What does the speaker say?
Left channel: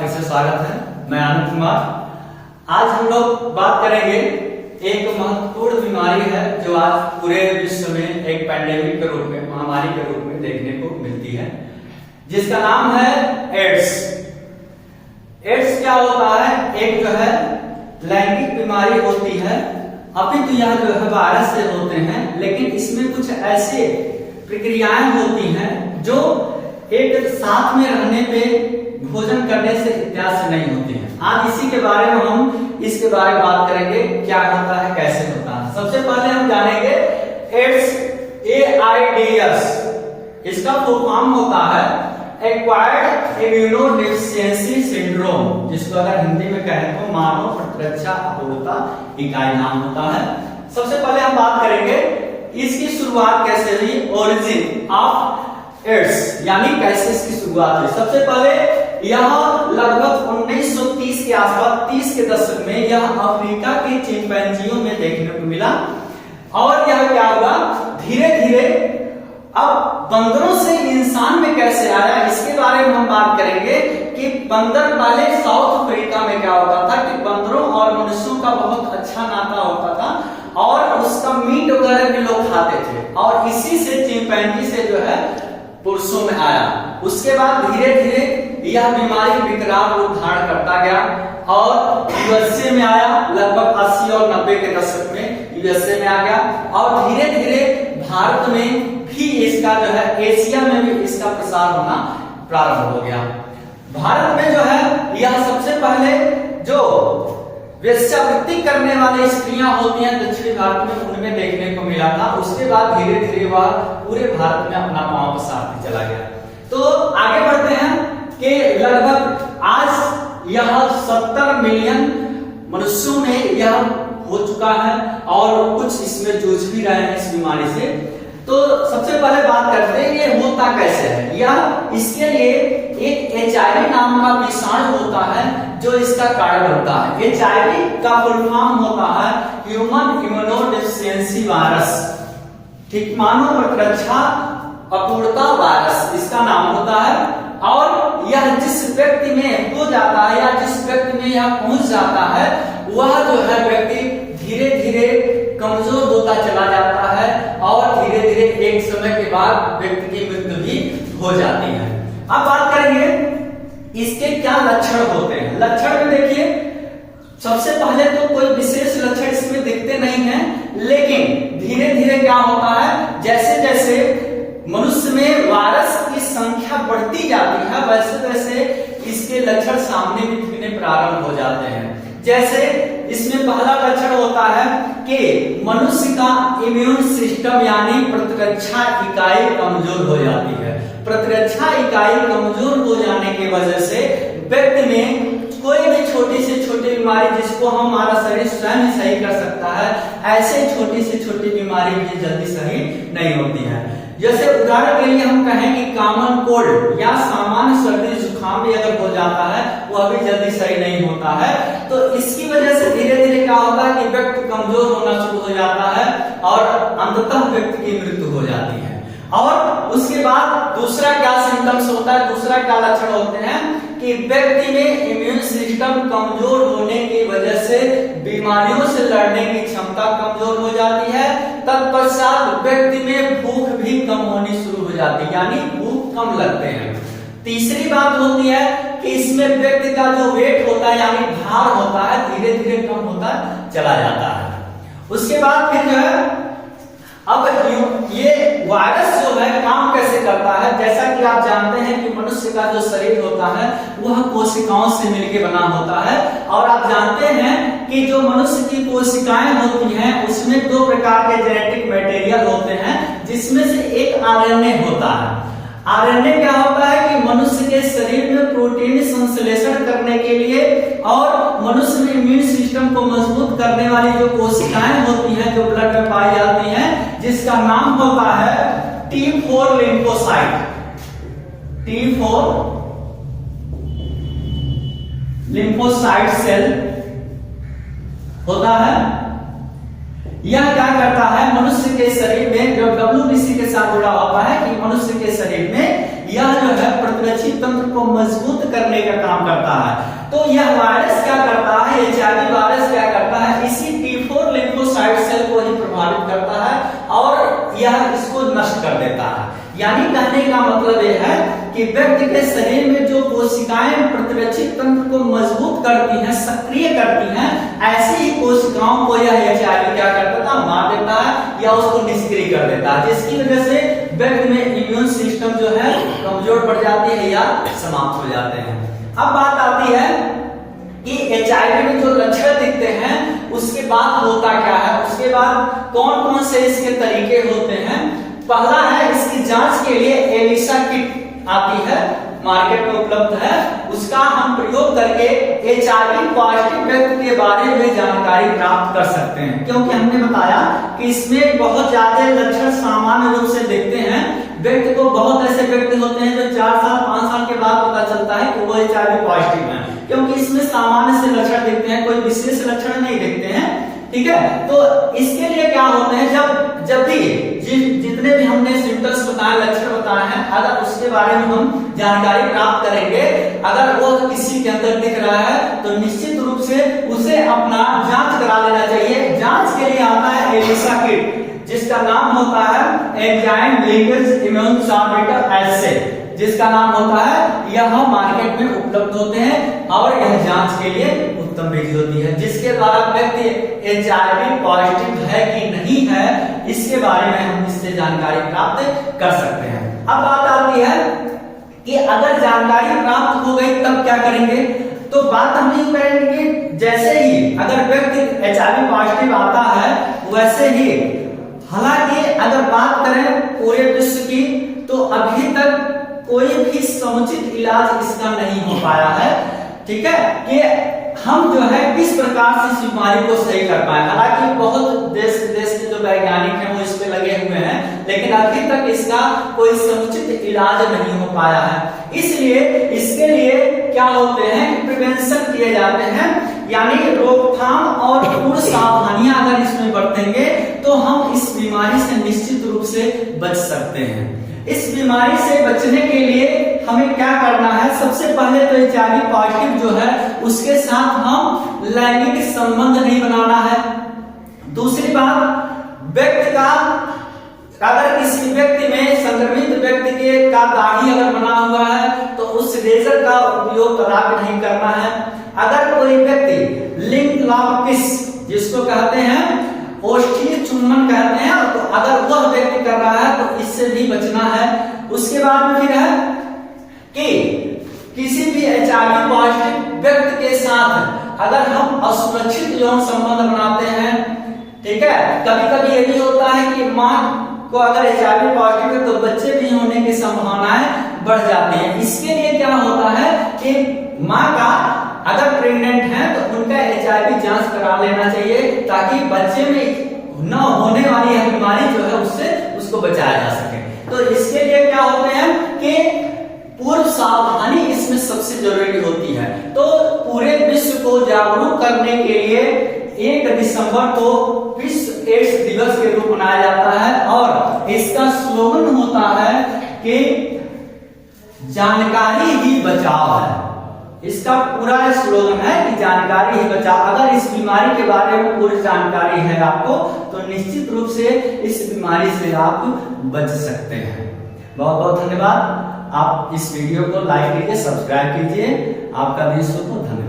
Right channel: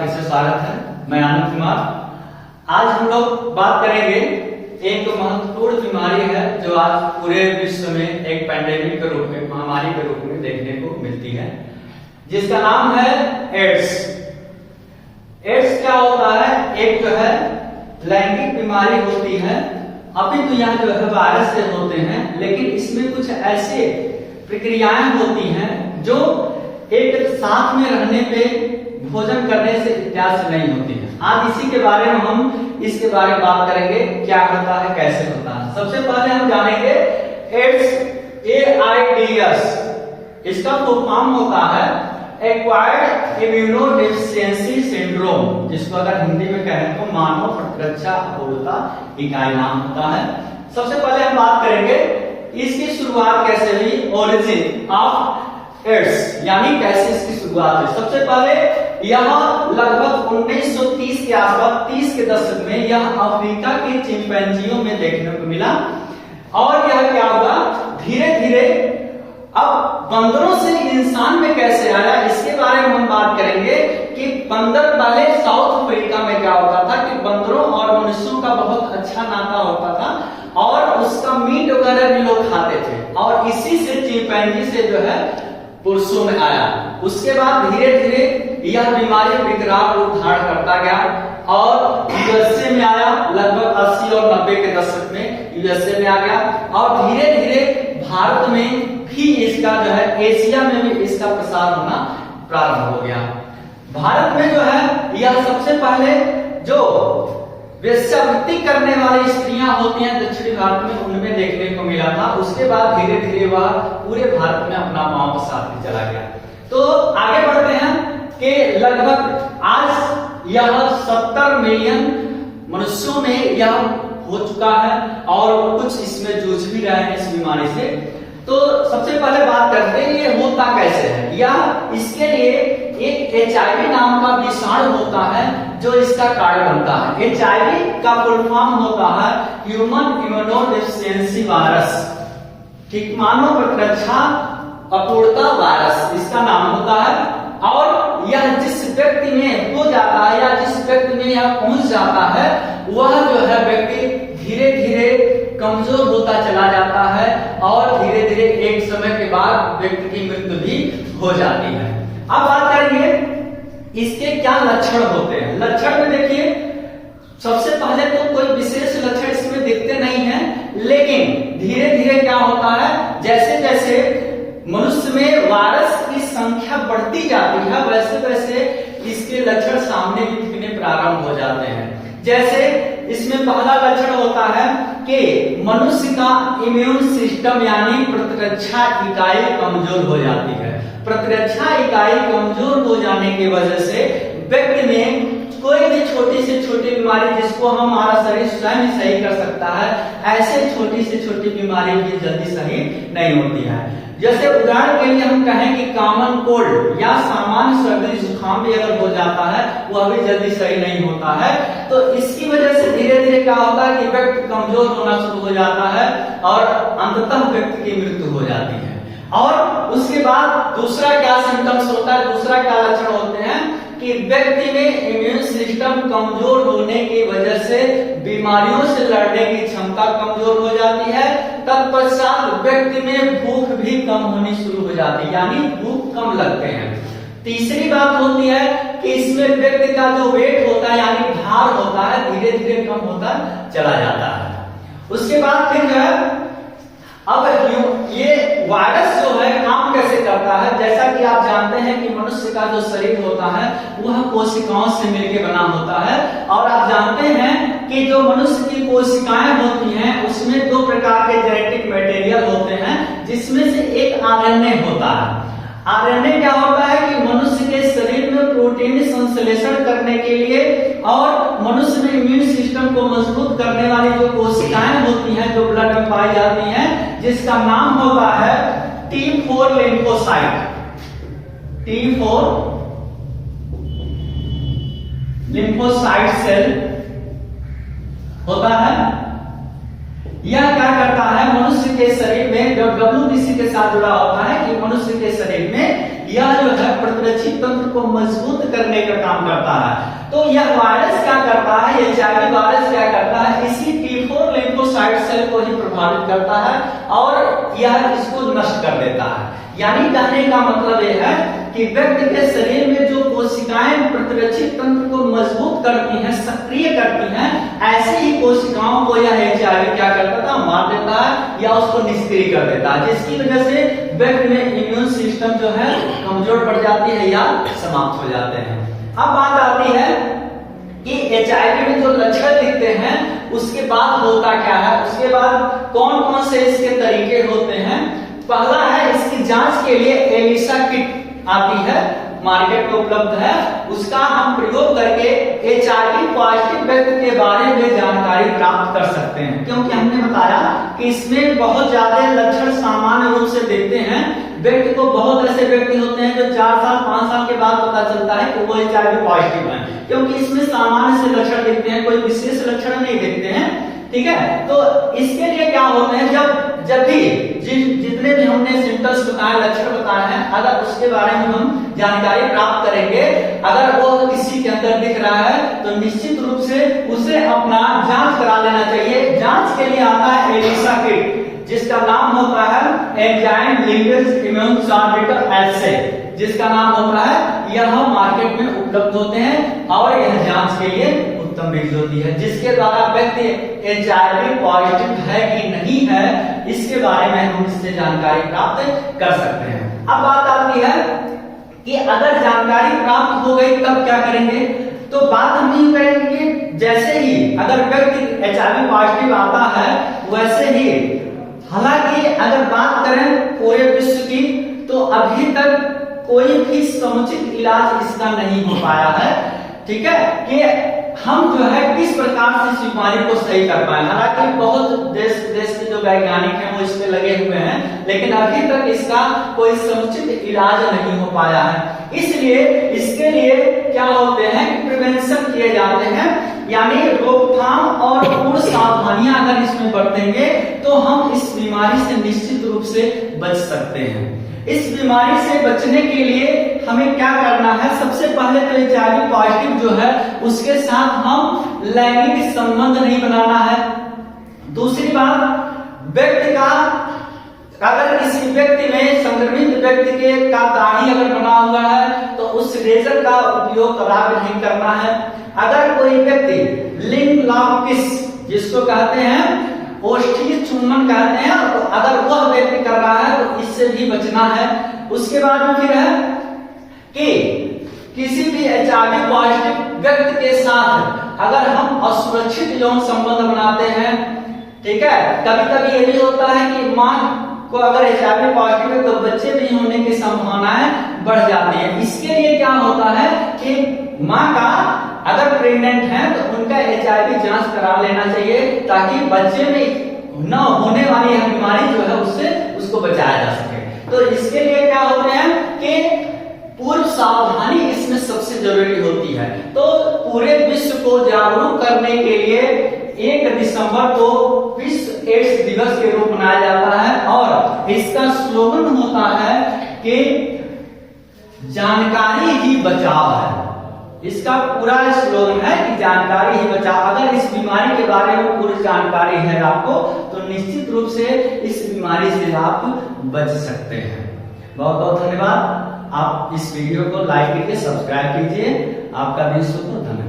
फिर से स्वागत है। मैं आनंद कुमार। आज हम लोग बात करेंगे एक महत्वपूर्ण बीमारी है जो आज पूरे विश्व में एक पैंडेमिक के रूप में, महामारी के रूप में देखने को मिलती है, जिसका नाम है एड्स। एड्स क्या होता है? एक जो है लैंगिक बीमारी होती है। अभी तो यह जो है वायरस से होते हैं, लेकिन इसमें कुछ ऐसे प्रक्रियाएं होती हैं जो एक साथ में रहने पे, भोजन करने से इत्यादि से नहीं होती है। आज इसी के बारे में हम इसके बारे में बात करेंगे, क्या होता है, कैसे होता है। सबसे पहले हम जानेंगे एड्स, AIDS। इसका फुल फॉर्म होता है एक्वायर्ड इम्यूनोडेफिशिएंसी सिंड्रोम, जिसको अगर हिंदी में कहें तो मानव प्रतिरक्षा अपूर्णता इकाई नाम होता है। सबसे पहले हम बात करेंगे इसकी शुरुआत कैसे हुई, ओरिजिन ऑफ एड्स, यानी कैसे इसकी शुरुआत हुई। सबसे पहले यह लगभग 1930 के आसपास, 30 के दशक में यह अफ्रीका के चिंपैंजियों में देखने को मिला। और यह क्या हुआ, धीरे धीरे अब बंदरों से इंसान में कैसे आया, इसके बारे में हम बात करेंगे कि बंदर पहले साउथ अफ्रीका में क्या होता था कि बंदरों और मनुष्यों का बहुत अच्छा नाता होता था और उसका मीट वगैरह भी लोग खाते थे, और इसी से चिंपैंजी से जो है पुरुषों में आया। उसके बाद धीरे धीरे यह बीमारी विकराल रूप धारण करता गया और यूएसए में आया। लगभग 80 और 90 के दशक में यूएसए में आ गया, और धीरे धीरे भारत में भी इसका जो है, एशिया में भी इसका प्रसार होना प्रारंभ हो गया। भारत में जो है यह सबसे पहले जो वेश्यावृत्ति करने वाली स्त्रियां होती हैं दक्षिणी भारत में, उनमें देखने को मिला था। उसके बाद धीरे धीरे वह पूरे भारत में अपना पांव पसारते चला गया। तो आगे बढ़ते हैं कि लगभग आज यह 70 मिलियन मनुष्यों में यह हो चुका है और कुछ इसमें जूझ भी रहे हैं इस बीमारी से। तो सबसे पहले बात करते हैं ये होता कैसे है, या इसके लिए एक HIV नाम का विषाणु होता है जो इसका कारण बनता है। HIV का फुल फॉर्म होता है ह्यूमन इम्यूनोडेफिशिएंसी वायरस, ठीक, मानव प्रतिरक्षा अपूर्णता वायरस इसका नाम होता है। और यह जिस व्यक्ति में हो जाता है या जिस व्यक्ति में यह पहुंच जाता है, वह जो है व्यक्ति धीरे धीरे कमजोर होता चला जाता है और धीरे धीरे एक समय के बाद व्यक्ति की मृत्यु भी हो जाती है। अब बात करेंगे इसके क्या लक्षण होते हैं। लक्षण में देखिए, सबसे पहले तो कोई विशेष लक्षण इसमें दिखते नहीं है, लेकिन धीरे धीरे क्या होता है, जैसे जैसे मनुष्य में वायरस की संख्या बढ़ती जाती है, वैसे वैसे इसके लक्षण सामने दिखने प्रारंभ हो जाते हैं। जैसे इसमें पहला लक्षण होता है कि मनुष्य का इम्यून सिस्टम यानी प्रतिरक्षा इकाई कमजोर हो जाती है। प्रतिरक्षा इकाई कमजोर हो जाने की वजह से व्यक्ति में कोई भी छोटी से छोटी बीमारी, जिसको हमारा शरीर स्वयं ही सही कर सकता है, ऐसे छोटी से छोटी बीमारी भी जल्दी सही नहीं होती है। जैसे उदाहरण के लिए हम कहें कि कॉमन कोल्ड या सामान्य सर्दी जुकाम भी अगर हो जाता है, वह भी जल्दी सही नहीं होता है। तो इसकी वजह से धीरे धीरे क्या होता है कि व्यक्ति कमजोर होना शुरू हो जाता है और अंततः व्यक्ति की मृत्यु हो जाती है। और उसके बाद दूसरा क्या सिम्टम्स होता है, दूसरा क्या लक्षण होते हैं कि व्यक्ति में इम्यून सिस्टम कमजोर होने की वजह से बीमारियों से लड़ने की क्षमता कमजोर हो जाती है। तत्पश्चात व्यक्ति में भूख भी कम होनी शुरू हो जाती है, यानी भूख कम लगते हैं। तीसरी बात होती है कि इसमें व्यक्ति का जो वेट होता है यानी भार होता है, धीरे धीरे कम होता चला जाता है। उसके बाद फिर जो है, अब ये वायरस जो है काम कैसे करता है, जैसा कि आप जानते हैं कि मनुष्य का जो शरीर होता है वह कोशिकाओं से मिलकर बना होता है। और आप जानते हैं कि जो मनुष्य की कोशिकाएं होती हैं उसमें दो प्रकार के जेनेटिक मटेरियल होते हैं, जिसमें से एक आरएनए होता है। आरएनए क्या होता है कि मनुष्य के शरीर में प्रोटीन संश्लेषण करने के लिए और मनुष्य में इम्यून सिस्टम को मजबूत करने वाली जो कोशिकाएं होती हैं जो ब्लड में पाई जाती हैं, जिसका नाम होता है T4 lymphocyte. T4 lymphocyte cell होता है। यह क्या करता है, मनुष्य के शरीर में जो WBC के साथ जुड़ा होता है कि मनुष्य के शरीर में यह जो है प्रतिरक्षी तंत्र को मजबूत करने का काम करता है। तो यह वायरस क्या करता है, HIV वायरस क्या करता है, इसी T4 लिम्फोसाइट सेल को ही प्रभावित करता है और यह इसको नष्ट कर देता है। यानी कहने का मतलब यह है कि व्यक्ति के शरीर में जो कोशिकाएं प्रतिरक्षित तंत्र को मजबूत करती हैं, सक्रिय करती हैं, ऐसी ही कोशिकाओं को यह HIV क्या करता था, मार देता है या उसको निष्क्रिय कर देता है, जिसकी वजह से व्यक्ति में इम्यून सिस्टम जो है कमजोर पड़ जाती है या समाप्त हो जाते हैं। अब बात आती है कि HIV में जो लक्षण दिखते हैं उसके बाद होता क्या है, उसके बाद कौन कौन से इसके तरीके होते हैं। पहला है, इसकी जांच के लिए एलिसा किट आती है, मार्केट में उपलब्ध है, उसका हम प्रयोग करके HIV पॉजिटिव व्यक्ति के बारे में जानकारी प्राप्त कर सकते हैं। क्योंकि हमने बताया कि इसमें बहुत ज्यादा लक्षण सामान्य रूप से दिखते हैं। व्यक्ति को, बहुत ऐसे व्यक्ति होते हैं जो 4 साल 5 साल के बाद पता चलता है कि वो HIV पॉजिटिव है, क्योंकि इसमें सामान्य से लक्षण दिखते हैं, कोई विशेष लक्षण नहीं दिखते हैं। ठीक है, तो इसके लिए क्या होते हैं, जब भी जितने भी हमने सिम्टम्स बताए, लक्षण बताए हैं, अगर उसके बारे में हम जानकारी प्राप्त करेंगे, अगर वो किसी के अंदर दिख रहा है तो निश्चित रूप से उसे अपना जांच करा लेना चाहिए। जांच के लिए आता है एलिसा किट, जिसका नाम होता है एंजाइम लिंकेज इम्यूनोसार्टर एस्से, जिसका नाम होता है, यह मार्केट में उपलब्ध होते हैं और यह जांच के लिए उत्तम विधि होती है, जिसके द्वारा व्यक्ति HIV पॉजिटिव है कि नहीं है इसके बारे में हम इससे जानकारी प्राप्त कर सकते हैं। अब बात आती है कि अगर जानकारी प्राप्त हो गई तब क्या करेंगे, तो बात हम ये करेंगे कि जैसे ही अगर व्यक्ति HIV पॉजिटिव आता है वैसे ही, हालांकि अगर बात करें पूरे विश्व की तो अभी तक कोई भी समुचित इलाज इसका नहीं हो पाया है। ठीक है, कि हम जो है किस प्रकार से इस बीमारी को सही कर पाए। हालांकि बहुत देश के जो वैज्ञानिक हैं वो इस पे लगे हुए हैं, लेकिन अभी तक इसका कोई समुचित इलाज नहीं हो पाया है। इसलिए इसके लिए क्या होते हैं कि प्रिवेंशन किए जाते हैं, यानी रोकथाम और पूर्ण सावधानियां अगर इसमें बरतेंगे तो हम इस बीमारी से निश्चित रूप से बच सकते हैं। इस बीमारी से बचने के लिए हमें क्या करना है, सबसे पहले तो HIV पॉजिटिव जो है उसके साथ हम लैंगिक संबंध नहीं बनाना है। दूसरी बात, व्यक्ति का, अगर किसी व्यक्ति में, संक्रमित व्यक्ति के का दाढ़ी अगर बना हुआ है तो उस रेजर का उपयोग कदापि नहीं करना है। अगर कोई व्यक्ति लिंग लॉक किस, जिसको कहते हैं ओष्ठी चुम्बन कहते हैं, तो अगर वह व्यक्ति कर रहा है तो इससे भी बचना है। उसके बाद में फिर है कि किसी भी HIV पॉजिटिव व्यक्ति के साथ अगर हम असुरक्षित यौन संबंध बनाते हैं, ठीक है, कभी कभी ये भी होता है कि मां को अगर HIV पॉजिटिव है तो बच्चे भी होने की संभावनाएं बढ़ जाती है। इसके लिए क्या होता है कि मां का अगर प्रेग्नेंट है तो उनका HIV जांच करा लेना चाहिए, ताकि बच्चे में न होने वाली यह बीमारी जो है उससे उसको बचाया जा सके। तो इसके लिए क्या होते हैं कि पूर्व सावधानी इसमें सबसे जरूरी होती है। तो पूरे विश्व को जागरूक करने के लिए 1 दिसंबर को विश्व एड्स दिवस के रूप मनाया जाता है और इसका स्लोगन होता है कि जानकारी ही बचाव है। इसका पूरा स्लोगन है कि जानकारी ही बचाव। अगर इस बीमारी के बारे में पूरी जानकारी है आपको तो निश्चित रूप से इस बीमारी से आप बच सकते हैं। बहुत बहुत धन्यवाद। आप इस वीडियो को लाइक कीजिए, सब्सक्राइब कीजिए। आपका दिन शुभ हो। धन्यवाद।